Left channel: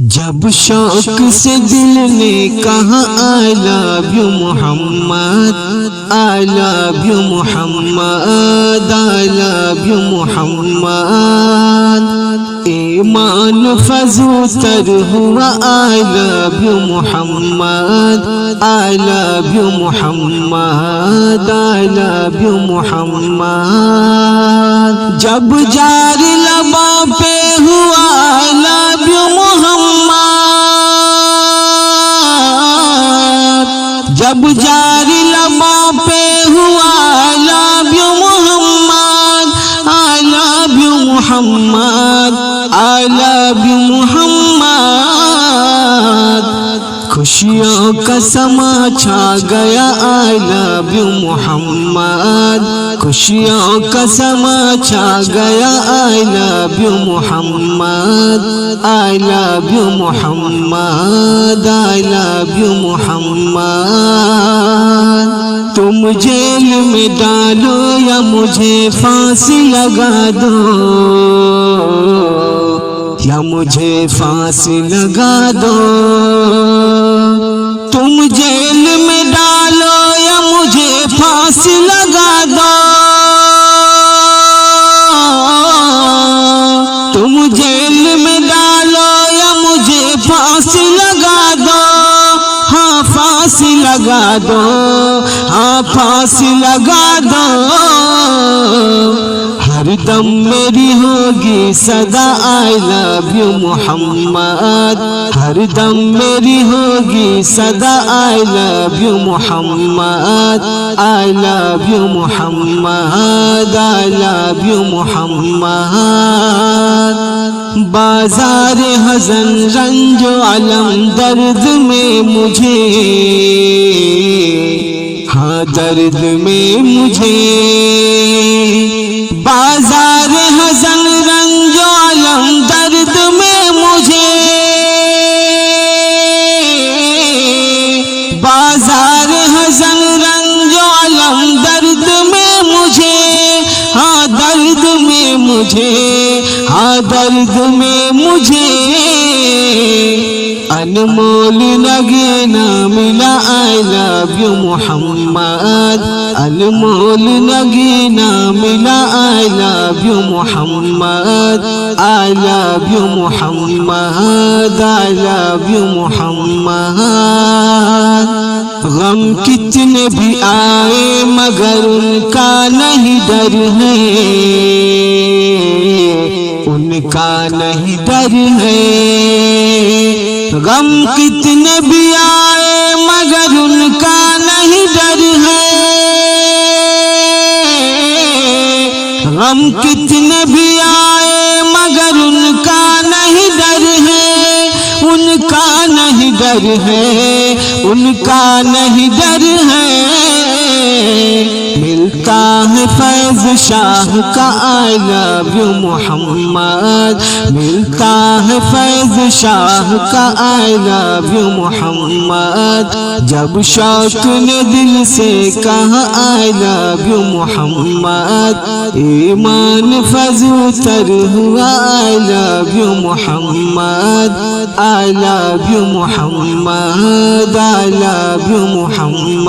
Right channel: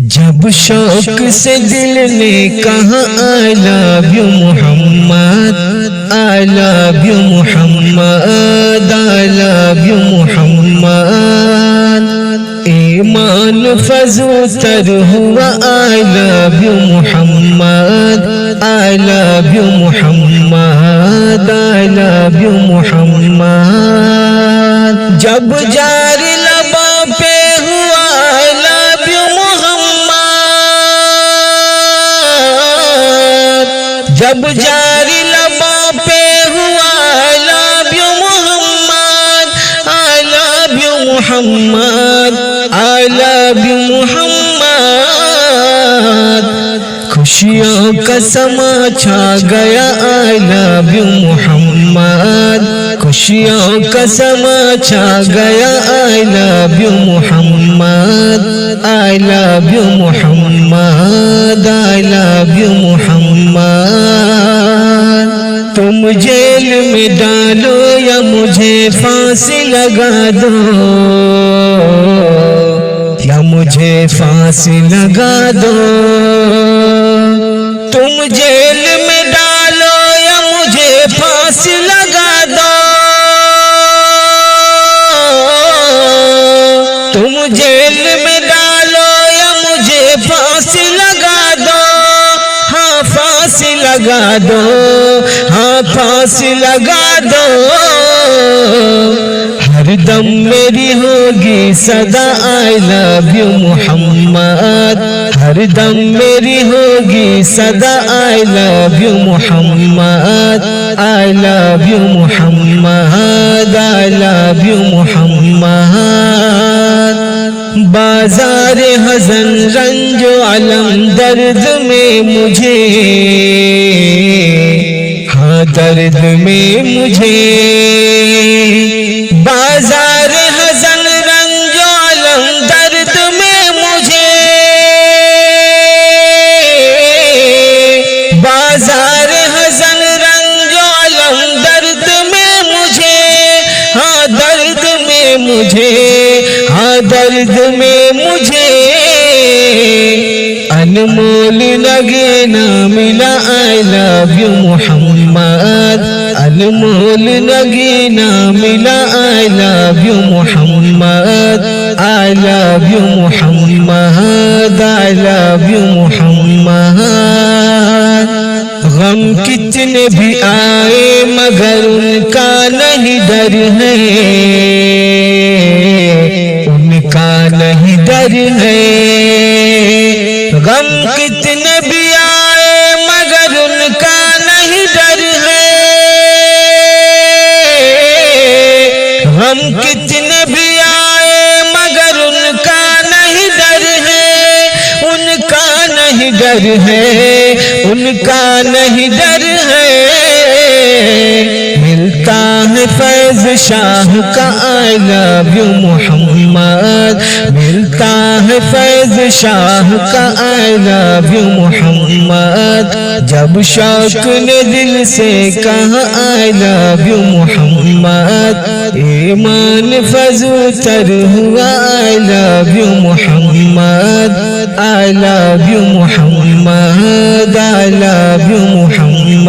جب شوق سے دل نے کہا I love you Muhammad I love you Muhammad I love you محمد ایمان فزو تر ہوا I love you Muhammad I love you Muhammad I love you محمد جب جاری لباں پہ ہوا I love you جب جاری لباں پہ ہوا I love you Muhammad I love you Muhammad I love you محمد خوشیوں کا سما چھا گیا I love you محمد خوشیوں کا سما چھا گیا I love you Muhammad I love you Muhammad I love you محمد تم جیل میں ڈالو یا مجھے پھانسی لگا دو یا مجھے پھانسی لگا دو تم جیل میں ڈالو یا مجھے پھانسی لگا دو تم جیل میں ڈالو یا مجھے پھانسی لگا دو ہاں پھانسی لگا دو ہاں پھانسی لگا دو ہر دم میری ہوگی صدا I love you محمد ہر دم میری ہوگی صدا I love you Muhammad I love you Muhammad I love you محمد بازار حزن رنج و علم درد میں مجھے ہاں درد میں مجھے بازار حزن رنج و علم درد میں مجھے بازار حزن رنج و علم درد میں مجھے ہاں درد میں مجھے ہاں درد میں مجھے انمول نگینا ملا I love you محمد انمول نگینا ملا I love you Muhammad I love you Muhammad I love you محمد غم کتنے بھی آئے مگر ان کا نہیں ڈر ہے ان کا نہیں ڈر ہے غم کتنے بھی آئے مگر ان کا نہیں ڈر ہے غم کتنے بھی آئے مگر ان کا نہیں ڈر ہے ان کا نہیں ڈر ہے ان کا نہیں ڈر ہے ملتا ہے فیض شاہ کا I love you محمد ملتا ہے فیض شاہ کا I love you محمد جب شوق نے دل سے کہا I love you محمد ایمان فزو تر ہوا I love you Muhammad I love you Muhammad I love you Muhammad